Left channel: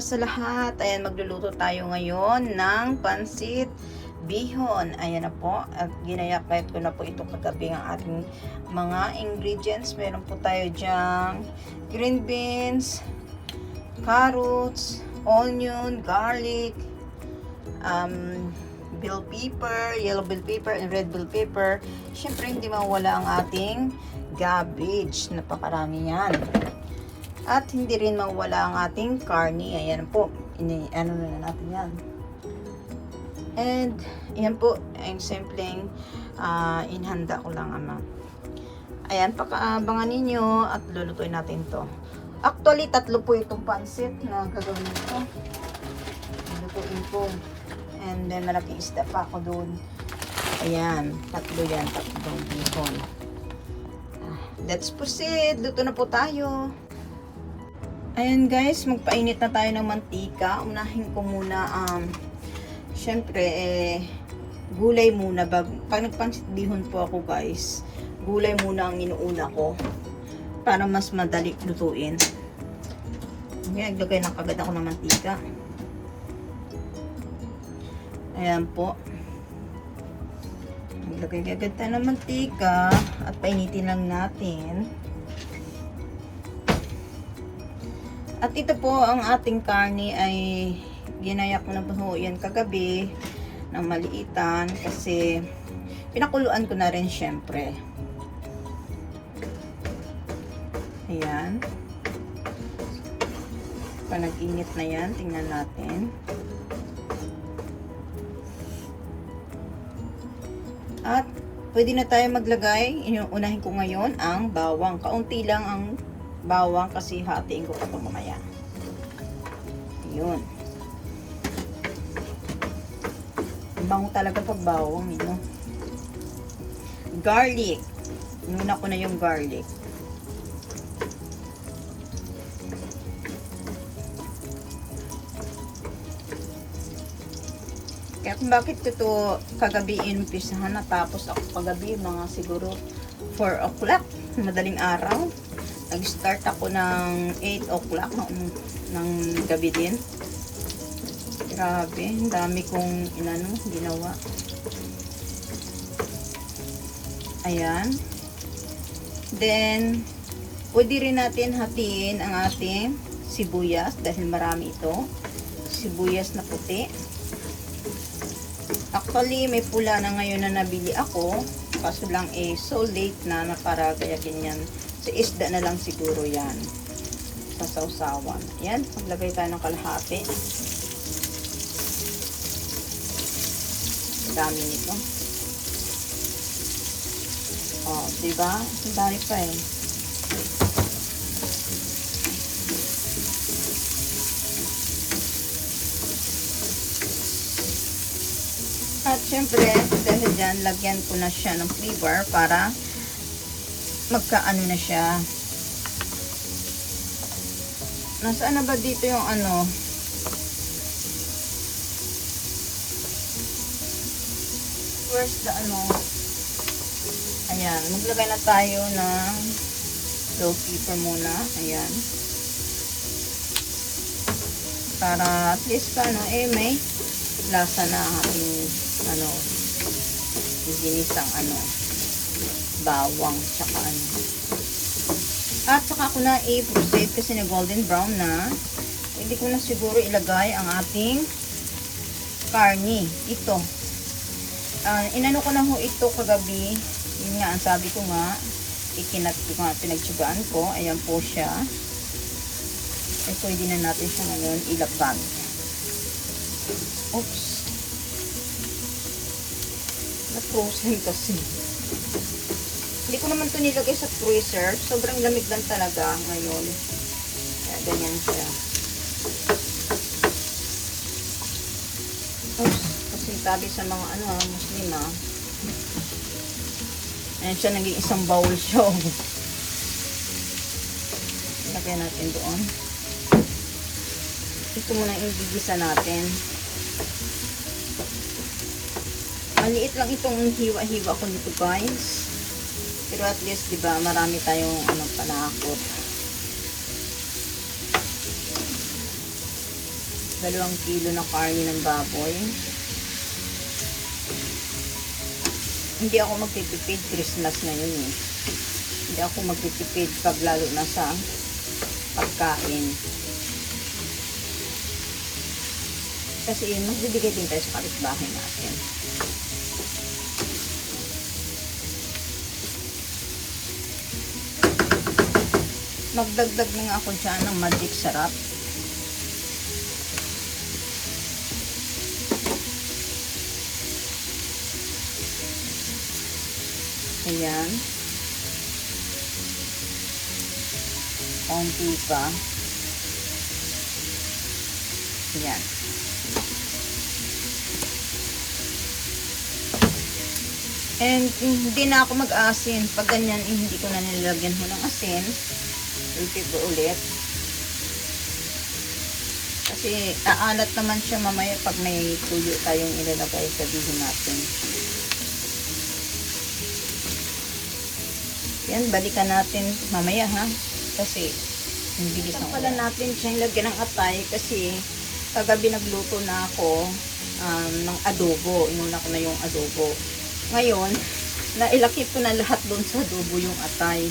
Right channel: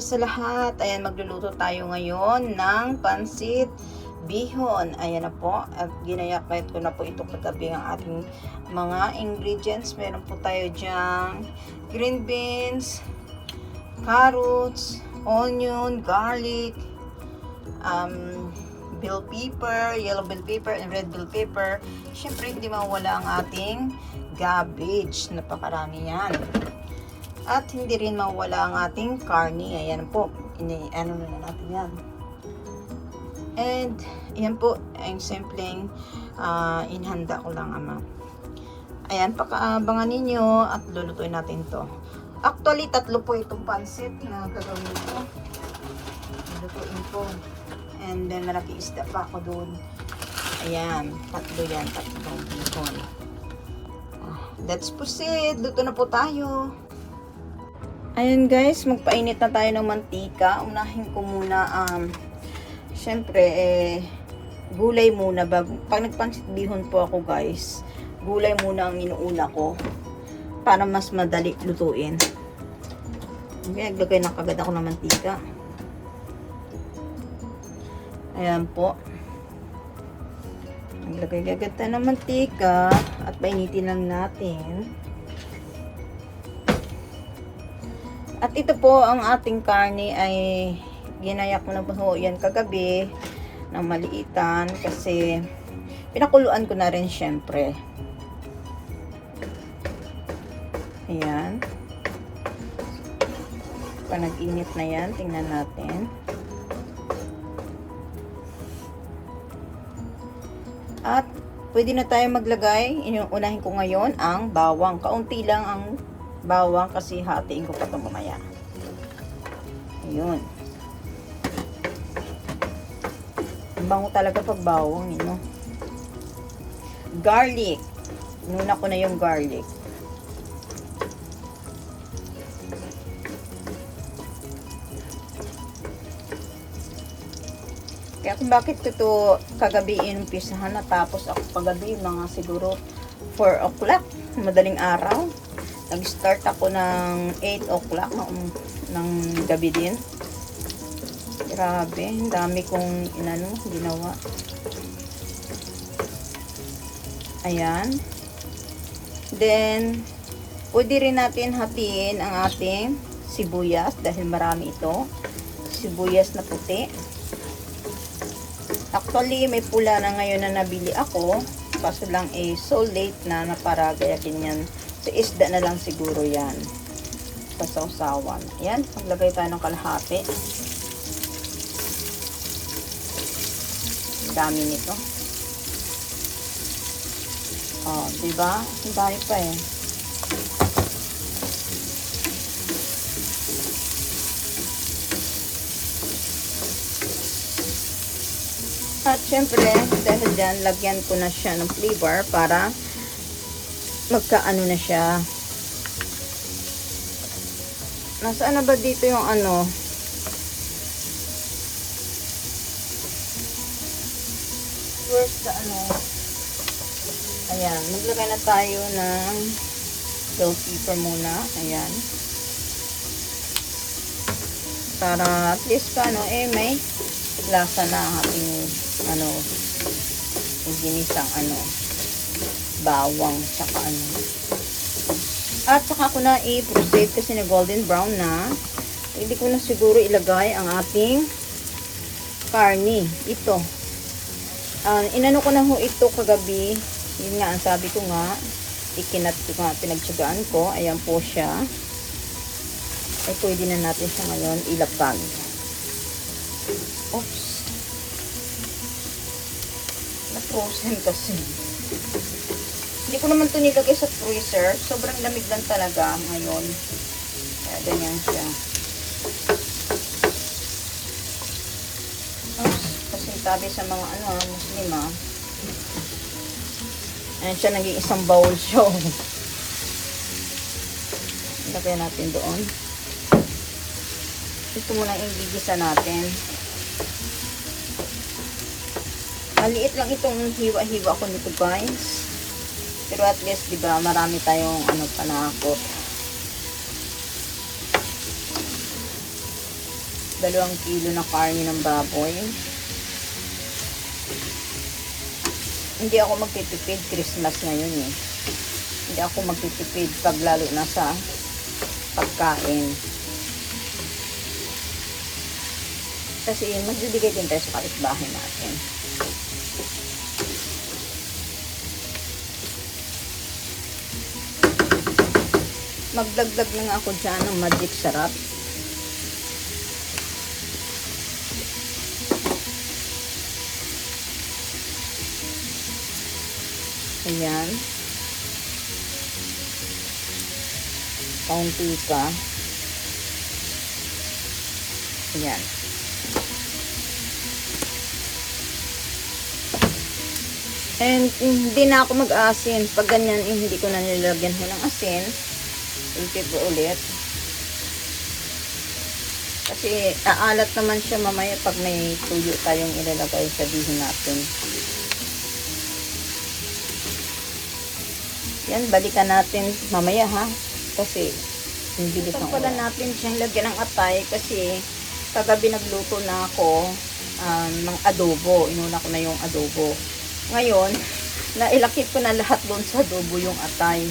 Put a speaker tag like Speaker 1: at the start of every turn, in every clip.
Speaker 1: Christmas sa lahat. Ayan, magluluto tayo ngayon ng pansit bihon. Ayan na po. At ginayakayat ko na po ito kagabi ang ating mga ingredients. Meron po tayo dyan green beans, carrots, onion, garlic, um, bell pepper, yellow bell pepper, and red bell pepper. Siyempre, hindi mawala ang ating cabbage. Napakarami yan. At hindi rin mawala ang ating carne. Ayan po. Ini, ano na natin yan. And, yan po. Ang simpleng ah, inhanda ko lang ama. Ayan, pakaabangan ninyo at lulutuin natin to. Actually, tatlo po itong pansit na gagawin ko. Lulutuin ko. And then, malaki isda pa ako doon. Ayan, tatlo yan, tatlong bihon. Ah, Let's proceed. Luto na po tayo. Ayan guys, magpainit na tayo ng mantika. Unahin ko muna, um, syempre, eh, gulay muna. Bag, pag nagpansit bihon po ako guys, gulay muna ang inuuna ko para mas madali lutuin. Okay, naglagay ng kagad ako ng mantika. Ayan po. Naglagay kagad tayo ng mantika at painitin lang natin. At ito po ang ating karne ay ginaya ko na po yan kagabi ng maliitan kasi pinakuluan ko na rin syempre. Ayan. Pag nag-init na yan, tingnan natin. At pwede na tayo maglagay, unahin ko ngayon ang bawang. Kaunti lang ang bawang kasi hatiin ko pa mamaya. Yun. Ang bango talaga pag bawang, you know? Garlic. Nuna ko na yung garlic. Kaya kung bakit ko to kagabi inumpisahan na tapos ako kagabi mga siguro 4 o'clock, madaling araw. Nag-start ako ng 8 o'clock ng, ng gabi din. Grabe, dami kong inano, ginawa. Ayan. Then, pwede rin natin hatiin ang ating sibuyas dahil marami ito. Sibuyas na puti. Actually, may pula na ngayon na nabili ako. Kaso lang eh, so late na na para kaya ganyan. Sa isda na lang siguro yan. Sa sausawan. Ayan, maglagay tayo ng kalahati. Dami nito. Oh, diba? Ang dami pa eh. At syempre, dahil dyan, lagyan ko na siya ng flavor para magkaano na siya. Nasaan na ba dito yung ano? Where's the ano? Ayan, maglagay na tayo ng bell pepper muna. Ayan. Para at least pa, ano, eh, may lasa na ating ano ginisang ano bawang tsaka ano. At saka ako na i-proceed kasi na golden brown na. Pwede ko na siguro ilagay ang ating karni ito. Uh, inano ko na ho ito kagabi. Yun nga ang sabi ko nga ikinat ko nga pinagtsagaan ko. Ayan po siya. Ay pwede na natin siyang ano, ilapag. Oops. Na-frozen kasi. Hindi ko naman ito nilagay sa freezer. Sobrang lamig lang talaga ngayon. Kaya ganyan siya. Oops. Kasi sabi sa mga ano, ah, muslim ah. Ayan siya, naging isang bowl siya. Ilagay natin doon. Ito muna yung gigisa natin. Maliit lang itong hiwa-hiwa ko nito guys. Pero at least, di ba, marami tayong ano, panakot. dalawang kilo ng karne ng baboy. Hindi ako magtitipid Christmas ngayon eh. Hindi ako magtitipid pag lalo na sa pagkain. Kasi magbibigay din tayo sa kapitbahay natin. Magdagdag na nga ako dyan ng magic sarap. Ayan. Kaunti pa. Ayan. And hindi na ako mag-asin. Pag ganyan, eh, hindi ko na nilagyan ng asin. Ko ulit. Kasi aalat naman siya mamaya pag may tuyo tayong ilalagay sa bihon natin. Yan, balikan natin mamaya ha. Kasi hindi ko pala natin siyang lagyan ng atay kasi kagabi nagluto na ako um, ng adobo. Inuna ko na yung adobo. Ngayon, nailakip ko na lahat doon sa adobo yung atay.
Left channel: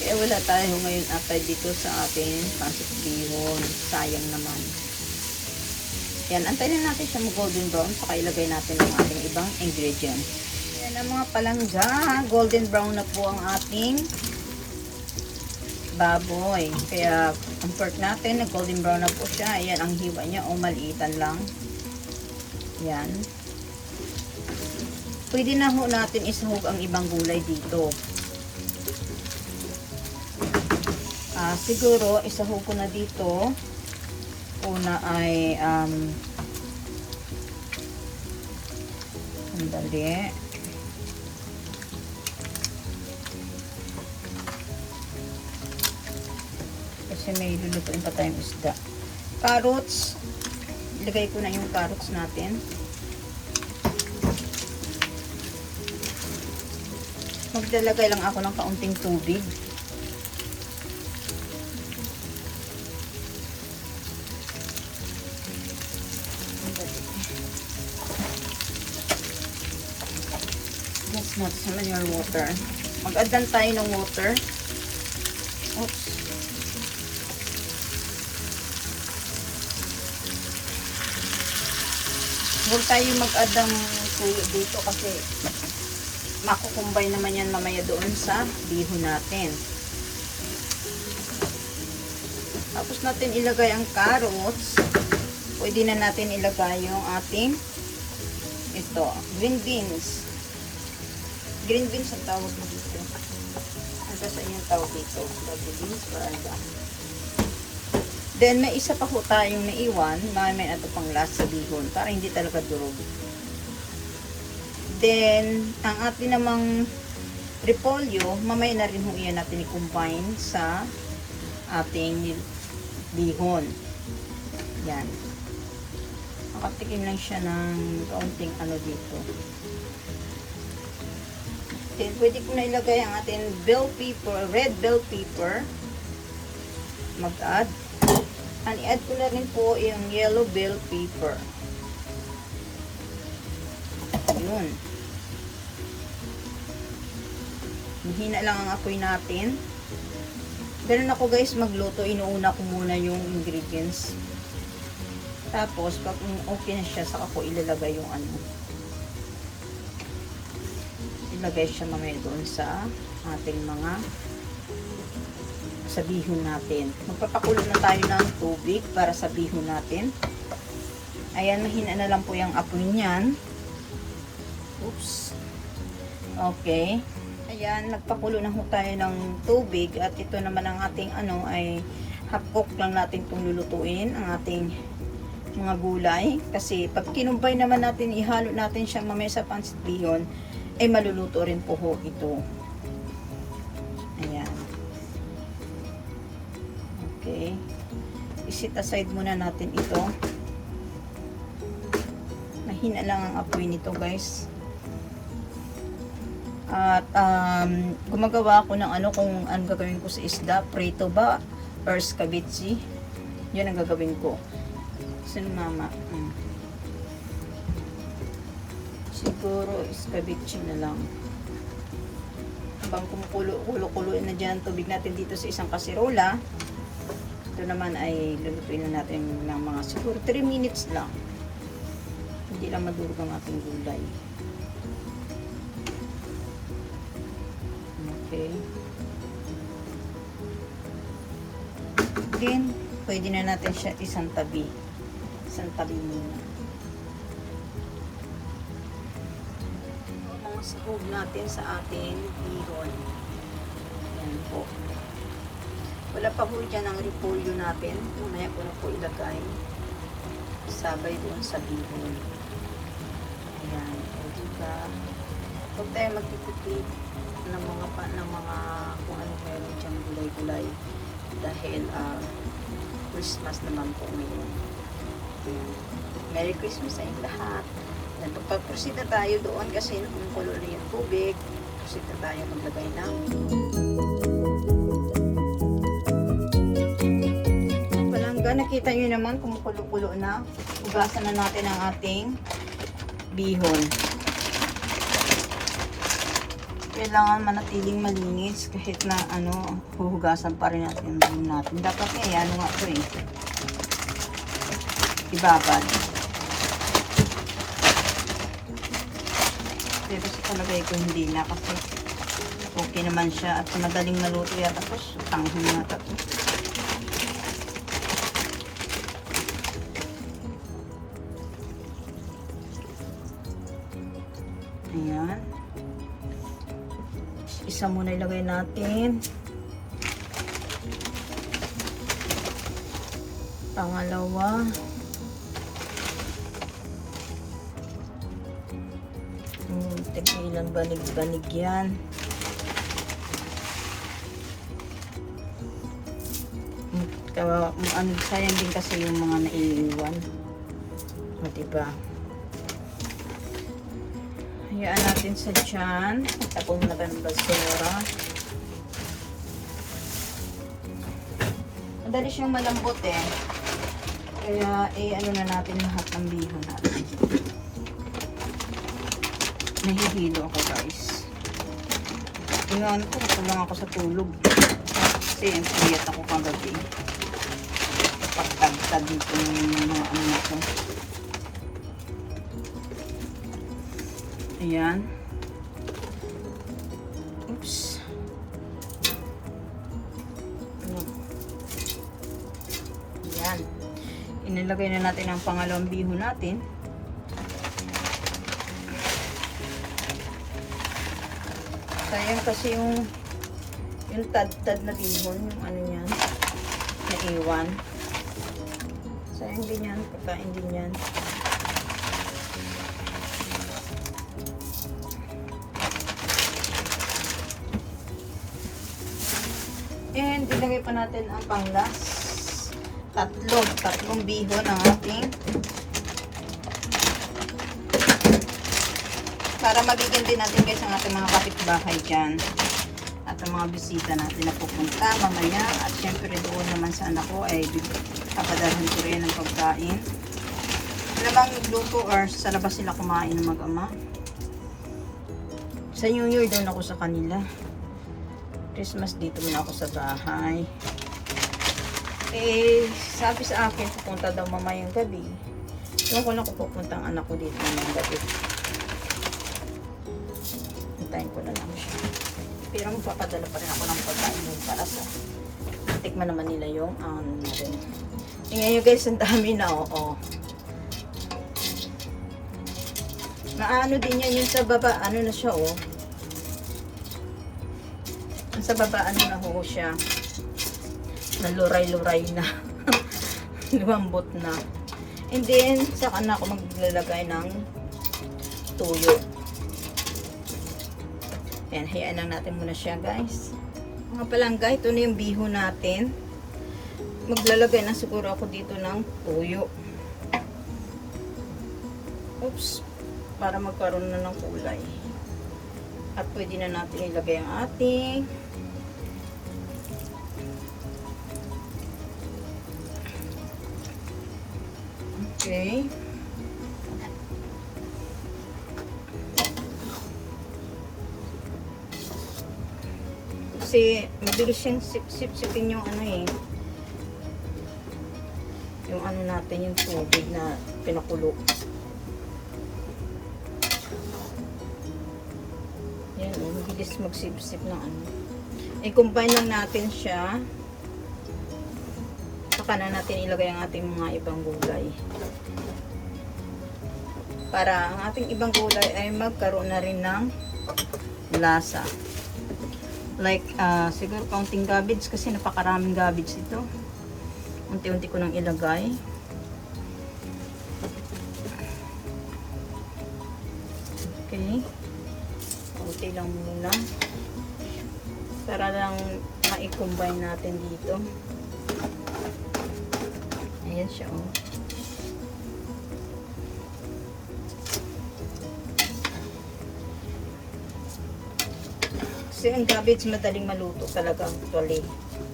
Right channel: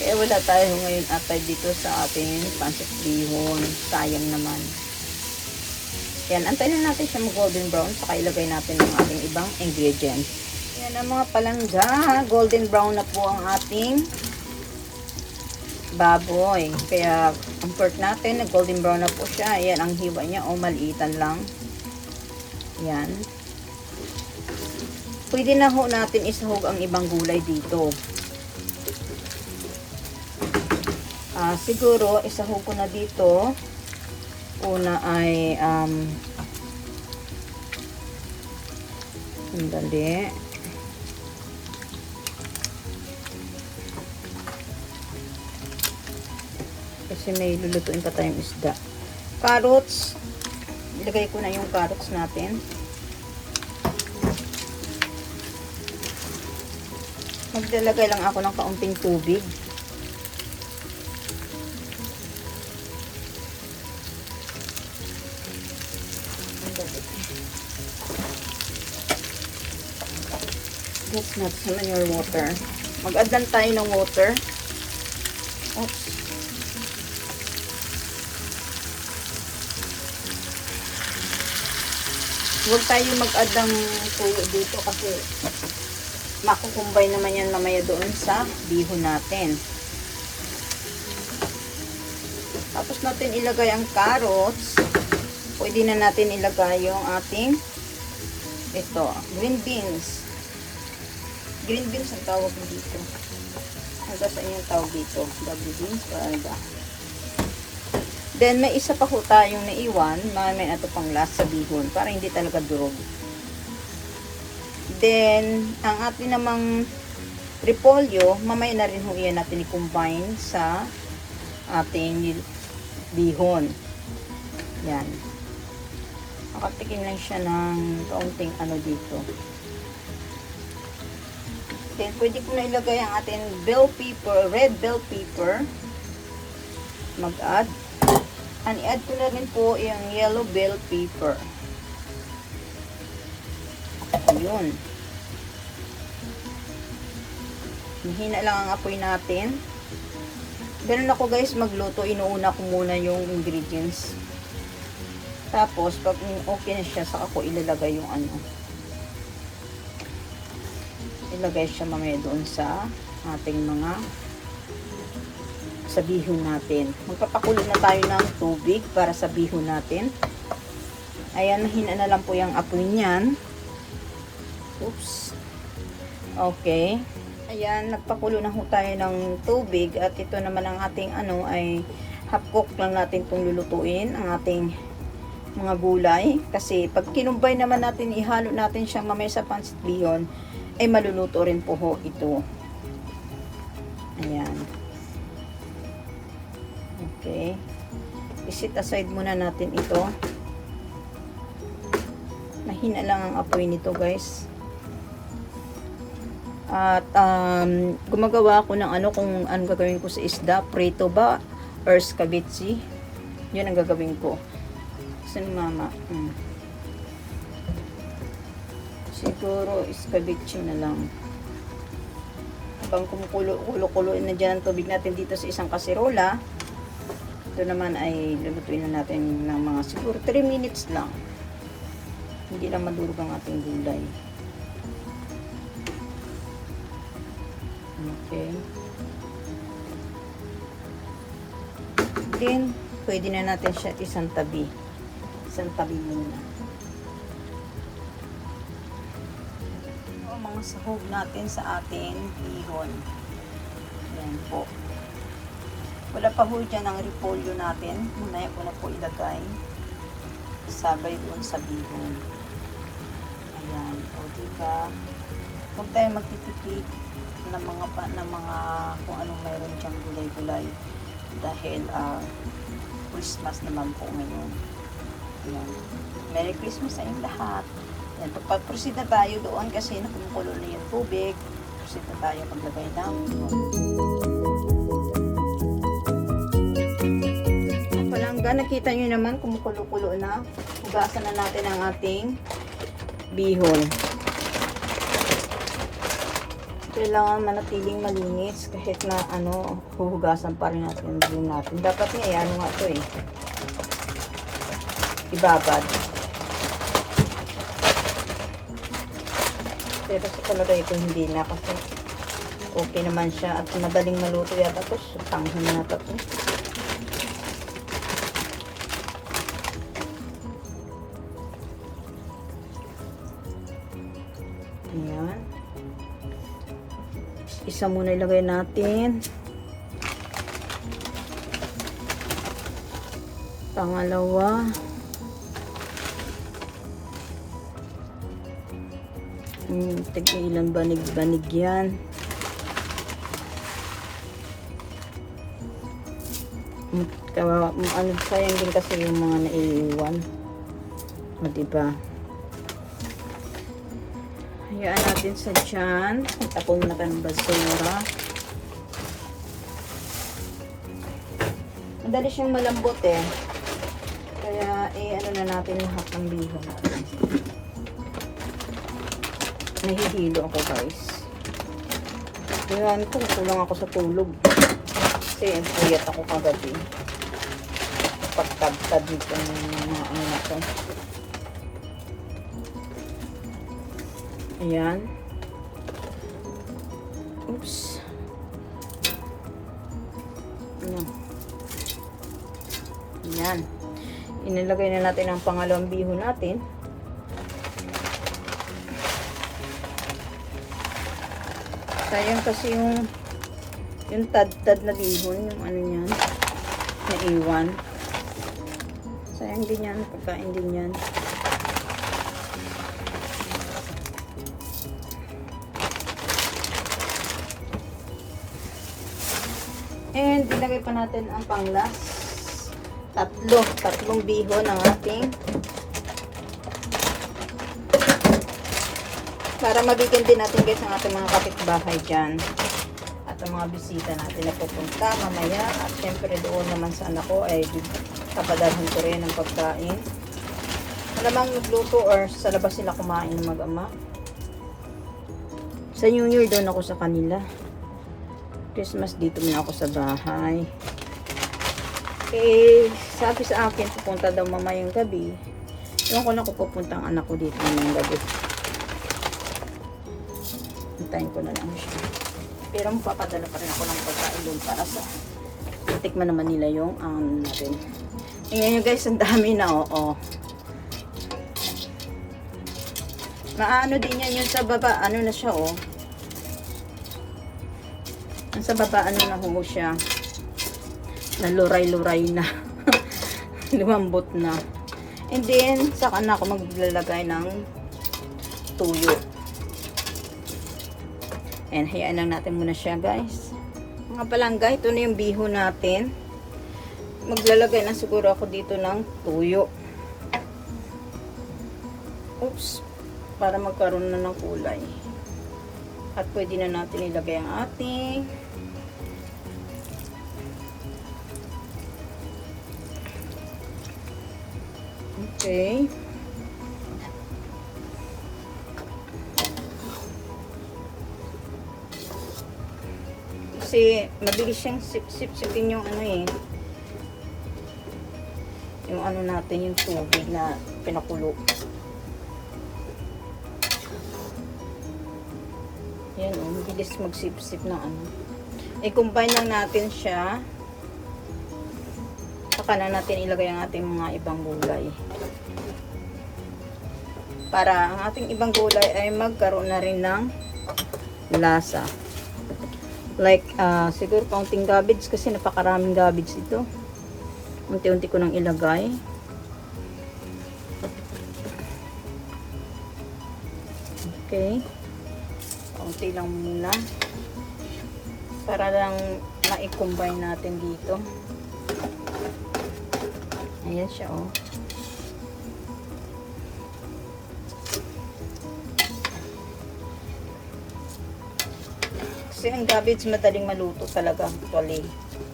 Speaker 1: Kaya wala tayo ngayon atay dito sa ating pancit bihon. Sayang naman. Yan, antayin na natin siya mag-golden brown saka ilagay natin ang ating ibang ingredients. Yan ang mga palangga. Golden brown na po ang ating baboy. Kaya ang pork natin, na golden brown na po siya. Yan ang hiwa niya o maliitan lang. Yan. Pwede na ho natin isahog ang ibang gulay dito. Ah, siguro isahog ko na dito. Una ay um Sandali. Kasi may lulutuin pa tayong isda. Carrots. Ilagay ko na yung carrots natin. Maglalagay lang ako ng kaunting tubig. Not na your water. Mag-add tayo ng water. Oops. Huwag tayo mag-add ng tuyo dito kasi makukumbay naman yan mamaya doon sa bihon natin. Tapos natin ilagay ang carrots. Pwede na natin ilagay yung ating ito, green beans. Green beans ang tawag mo dito. Ano sa inyong tawag dito? Double beans or ano ba? Then, may isa pa po tayong naiwan. May may ito pang last sa bihon para hindi talaga durog. Then, ang ating namang repolyo, mamaya na rin ho yan natin i-combine sa ating bihon. Yan. Nakatikim lang siya ng kaunting ano dito. Then, pwede ko na ilagay ang ating bell pepper, red bell pepper. Mag-add. And i-add ko na rin po yung yellow bell pepper. Ayun. Mahina lang ang apoy natin. Ganun ako guys magluto, inuuna ko muna yung ingredients. Tapos, pag okay na siya, saka ko ilalagay yung ano. Ilagay siya mamaya doon sa ating mga sa bihon natin. Magpapakulo na tayo ng tubig para sa bihon natin. Ayan, mahina na lang po yung apoy niyan. Oops. Okay. Ayan, nagpakulo na ho tayo ng tubig at ito naman ang ating ano ay half cook lang natin itong lulutuin ang ating mga gulay kasi pag kinumbay naman natin ihalo natin siya mamaya sa pancit bihon ay maluluto rin po ho ito. Ayan. Okay. Isit aside muna natin ito. Mahina lang ang apoy nito guys. At um, gumagawa ako ng ano kung ano gagawin ko sa isda. Prito ba? Or scabitzi. Yun ang gagawin ko. Ni mama. Hmm. Siguro, escabeche na lang. Habang kumukulo-kulo-kuloin na dyan tubig natin dito sa isang kaserola, ito naman ay lulutuin na natin ng mga siguro 3 minutes lang. Hindi lang madurog ang ating gulay. Okay. Then, pwede na natin siya isang tabi. Isang tabi muna. Sahog natin sa ating hihon. Yan po. Wala pa po dyan ang repolyo natin. Mamaya ko na po ilagay. Sabay doon sa bihon. Ayan. O, diba? Huwag tayo magtitipid ng mga pa, ng mga kung anong meron dyan gulay-gulay dahil ah, Christmas naman po ngayon. Ayan. Merry Christmas sa inyo lahat. Yan, pag-proceed na tayo doon kasi nakumukulo na yung tubig. Proceed na tayo maglagay ng Palangga, nakita nyo naman kumukulo-kulo na. Ugasan na natin ang ating bihon. Kailangan manatiling malinis kahit na ano, huhugasan pa rin natin yung bihon natin. Dapat nga, ano nga ito eh. Ibabad. Pero sa talaga ito hindi na kasi okay naman siya at madaling maluto yata. Tapos tanghon na ito. Ayan. Isa muna ilagay natin. Pangalawa. Hmm, tignan ilang banig-banig yan. Hmm, Kaya, ano, sayang din kasi yung mga naiiwan. O, diba? Hayaan natin sa tiyan. Tapong na ng basura. Madali siyang malambot eh. Kaya, eh, ano na natin lahat ng liho natin. Nahihilo ako guys. Ngayon, tulong ako sa tulog. Kasi, puyat ako kagabi. Pagtagtag nito mga ano to. Ayan. Oops. Ayan. Inilagay na natin ang pangalawang bihon natin. Sayang kasi yung yung tad-tad na bihon, yung ano niyan, na iwan. Sayang din yan, pagkain din yan. And ilagay pa natin ang panglas. Tatlo, tatlong bihon ang ating para mabigyan din natin guys ang ating mga kapitbahay dyan. At ang mga bisita natin na pupunta mamaya. At syempre doon naman sa anak ko ay papadalhin ko rin ng pagkain. Namang luto or sa labas sila kumain ng mag-ama? Sa New Year doon ako sa kanila. Christmas dito na ako sa bahay. Eh sabi sa akin pupunta daw mamayang gabi. Ewan ko na kung pupunta ang anak ko dito ngayong gabi Hintayin ko na lang siya. Pero papadala pa rin ako ng pagkain doon para sa tikman naman nila yung ano natin. Tingnan nyo guys, ang dami na oo. Maano din yan yung sa baba, ano na siya oh. Yung sa baba, ano na ho siya. Naluray-luray na. Lumambot na. And then, saka na ako maglalagay ng tuyo. Ayan, hayaan lang natin muna siya guys. Mga palangga, ito na yung biho natin. Maglalagay na siguro ako dito ng tuyo. Oops. Para magkaroon na ng kulay. At pwede na natin ilagay ang ating Okay. Kasi mabilis yung sip-sip-sipin yung ano eh. Yung ano natin yung tubig na pinakulo. Yan oh, mabilis magsip-sip ng ano. I-combine natin siya. Saka na natin ilagay ang ating mga ibang gulay. Para ang ating ibang gulay ay magkaroon na rin ng lasa. Like, ah, siguro kaunting cabbage kasi napakaraming cabbage ito. Unti-unti ko nang ilagay. Okay. Kaunti lang muna. Para lang ma-combine natin dito. Ayan siya, oh. Kasi ang cabbage madaling maluto talaga actually.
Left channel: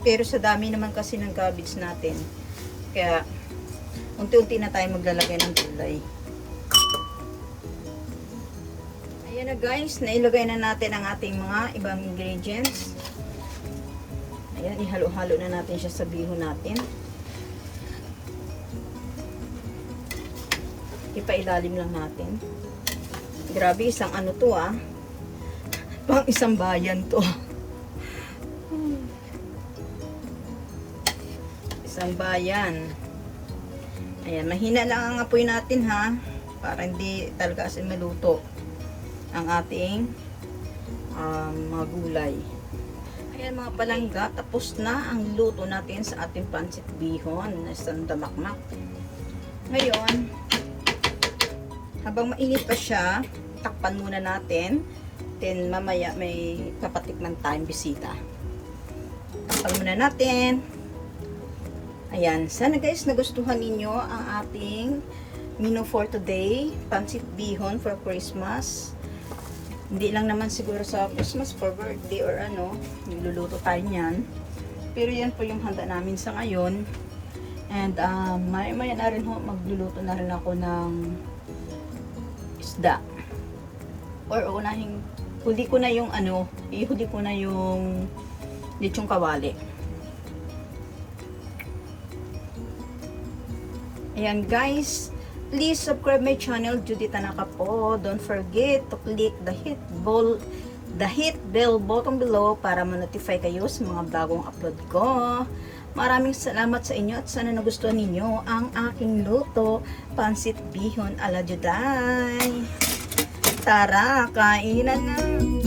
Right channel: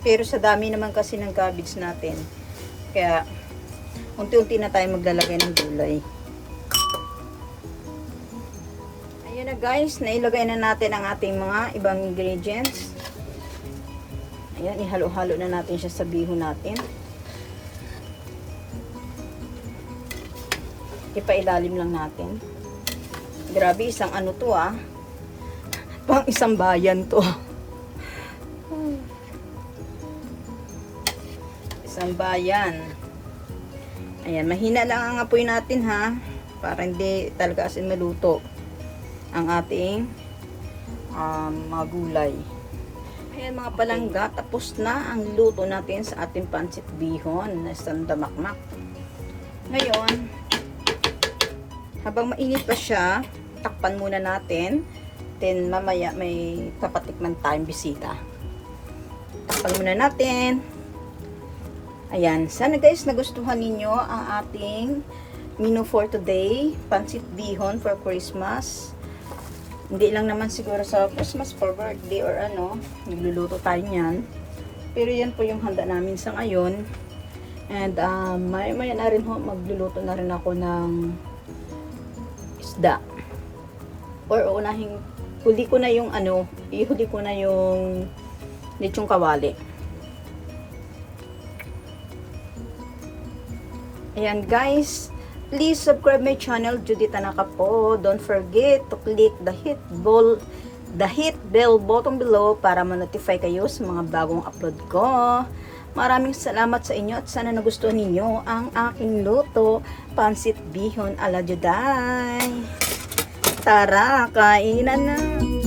Speaker 1: Pero sa dami naman kasi ng cabbage natin. Kaya unti-unti na tayo maglalagay ng gulay. Ayan na guys, nailagay na natin ang ating mga ibang ingredients. Ayan, ihalo-halo na natin siya sa bihon natin. Ipailalim lang natin. Grabe, isang ano to ah. Pang isang bayan to. Isang bayan. Ayan, mahina lang ang apoy natin ha. Para hindi talaga asin maluto ang ating um, mga gulay. Ayan mga palangga, tapos na ang luto natin sa ating pansit bihon na isang damakmak. Ngayon, habang mainit pa siya, takpan muna natin. Then mamaya may papatikman tayong bisita. Takpan muna natin. Ayan, sana guys nagustuhan ninyo ang ating menu for today. Pansit bihon for Christmas. Hindi lang naman siguro sa Christmas for birthday or ano, nagluluto tayo niyan. Pero yan po yung handa namin sa ngayon. And um, may may na rin ho, magluluto na rin ako ng isda. Or unahin, huli ko na yung ano, ihuli ko na yung lechong kawali. Ayan guys, please subscribe my channel Judith Tanaka po. Don't forget to click the hit bell the hit bell button below para ma-notify kayo sa mga bagong upload ko. Maraming salamat sa inyo at sana nagustuhan ninyo ang aking luto, pansit bihon ala Juday. Tara, kainan na!